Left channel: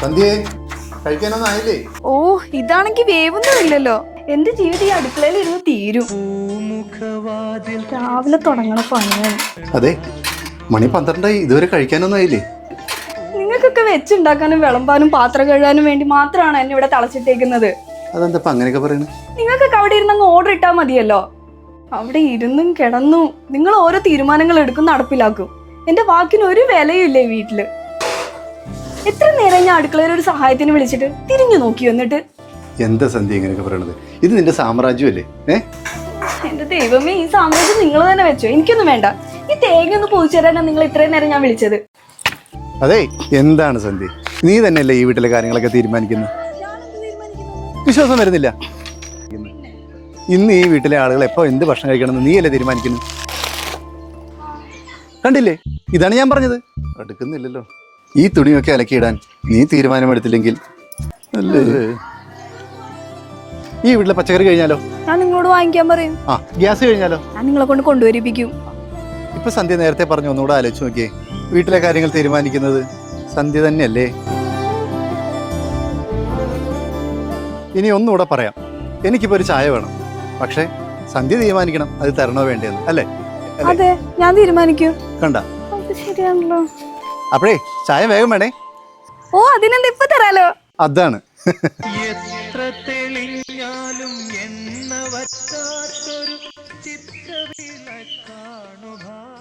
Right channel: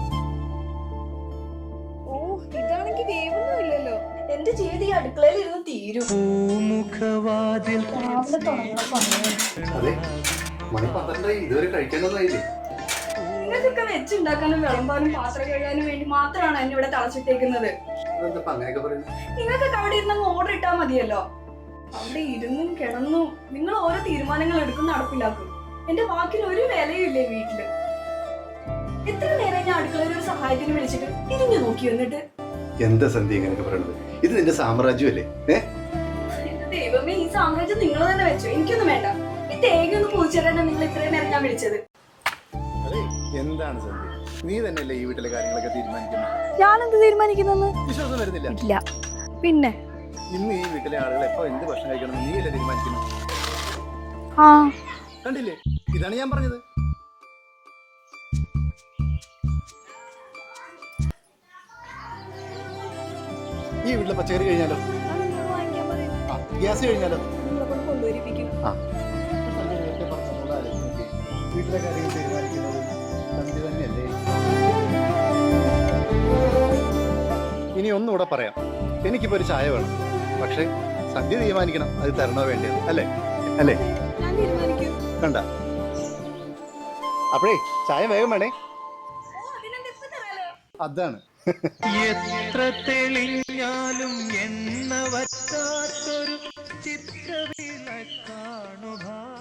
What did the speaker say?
സന്ധ്യേ കഴിക്കാനൊന്നും ആയില്ലേ? ഓ ഇതാണെങ്കി വേവൊന്നുമില്ലല്ലോ. എന്റെ ജീവിതം ഈ അടുക്കളയിൽ ഇരുന്ന് തീരും. രാവിലെ തുടങ്ങണ പണിയാണ്. അതെ, മണി 12 ഇതുവരെ കഴിക്കാനൊന്നും ആയില്ലേ? നിങ്ങൾക്കൊക്കെ വെച്ചുണ്ടാക്കാനും വിളമ്പാനും പാത്രം കഴുകാനും വേണ്ടി മാത്രമാണ് എന്നെ ഇവിടെ തളച്ചിട്ടേക്കുന്നത്. അതെന്താ അങ്ങനെയൊക്കെ പറയുന്നത്? നിങ്ങൾക്കൊക്കെ അവിടെ ഇരുന്ന് അങ്ങ് ഓർഡർ ഇട്ടാൽ മതിയല്ലോ. അവിടെ ഇരുന്നും കിടന്നും നിങ്ങൾ ഓരോ തീരുമാനങ്ങൾ എടുക്കും, നടപ്പിലാക്കും. എന്റെ വാക്കിന് ഒരു വിലയും ഇല്ലേ വീട്ടില്. എത്ര നേരം ഞാൻ അടുക്കളയിൽ ഒരു സഹായത്തിന് വിളിച്ചിട്ട് തിരിഞ്ഞു നോക്കി വന്നിട്ട്. എന്താ സന്ധ്യ ഇങ്ങനെയൊക്കെ പറയണത്? ഇത് നിന്റെ സാമ്രാജ്യമല്ലേ? എന്റെ ദൈവമേ, ഈ സാമ്രാജ്യം നിങ്ങൾ തന്നെ വെച്ചോ, എനിക്കൊന്നും വേണ്ട. ഈ തേങ്ങ ഒന്ന് പൊതിച്ചു തരാനാണ് നിങ്ങൾ ഇത്രയും നേരം ഞാൻ വിളിച്ചത്. അതെ, എന്താണ് സന്ധ്യ, നീ തന്നെയല്ലേ ഈ വീട്ടിലെ കാര്യങ്ങളൊക്കെ തീരുമാനിക്കുന്നത്? ഞാനെന്ത് തീരുമാനിക്കുന്നെന്ന് വിശ്വാസം വരുന്നില്ല? ഇല്ല. പിന്നെ ഇന്ന് ഈ വീട്ടിലെ ആളുകൾ എപ്പോ എന്ത് ഭക്ഷണം കഴിക്കണമെന്ന് നീയല്ലേ തീരുമാനിക്കുന്നു? ആ കണ്ടില്ലേ, ഇതാണ് ഞാൻ പറഞ്ഞത്. അടുക്കുന്നില്ലല്ലോ. ഈ തുണിയൊക്കെ അലക്കിയിടാൻ നീ തീരുമാനമെടുത്തില്ലെങ്കിൽ അല്ലേ? ഈ വീട്ടിലെ പച്ചക്കറി കഴിഞ്ഞാലോ? ഞാൻ നിങ്ങളോട് വാങ്ങിക്കാൻ പറയും. ആ, ഗ്യാസ് കഴിഞ്ഞാലോ? ഞാൻ നിങ്ങളെ കൊണ്ട് കൊണ്ടുവരിപ്പിക്കും. ഇപ്പൊ സന്ധ്യ നേരത്തെ പറഞ്ഞു, ഒന്നുകൂടെ ആലോചിച്ച് നോക്കിയേ. വീട്ടിലെ കാര്യങ്ങൾ തീരുമാനിക്കുന്നത് സന്ധ്യ തന്നെയല്ലേ? ഇനി ഒന്നുകൂടെ പറയാം, എനിക്കിപ്പോ ഒരു ചായ വേണം, പക്ഷെ സന്ധ്യ തീരുമാനിക്കണം അത് തരണോ വേണ്ടതെന്ന്. അല്ലേ? അതെ, ഞാൻ തീരുമാനിക്കൂ. കണ്ട, അത് ശരിയാണല്ലോ. അപ്പഴേ ചായ വേഗം വേണേ. ഓ, അതിനെന്താ ഇപ്പൊ തരാലോ. അതാണ്. എത്ര തെളിഞ്ഞാലും എണ്ണ വറ്റാത്തൊരു ചിത്രവിളക്കാണു ഭാവ.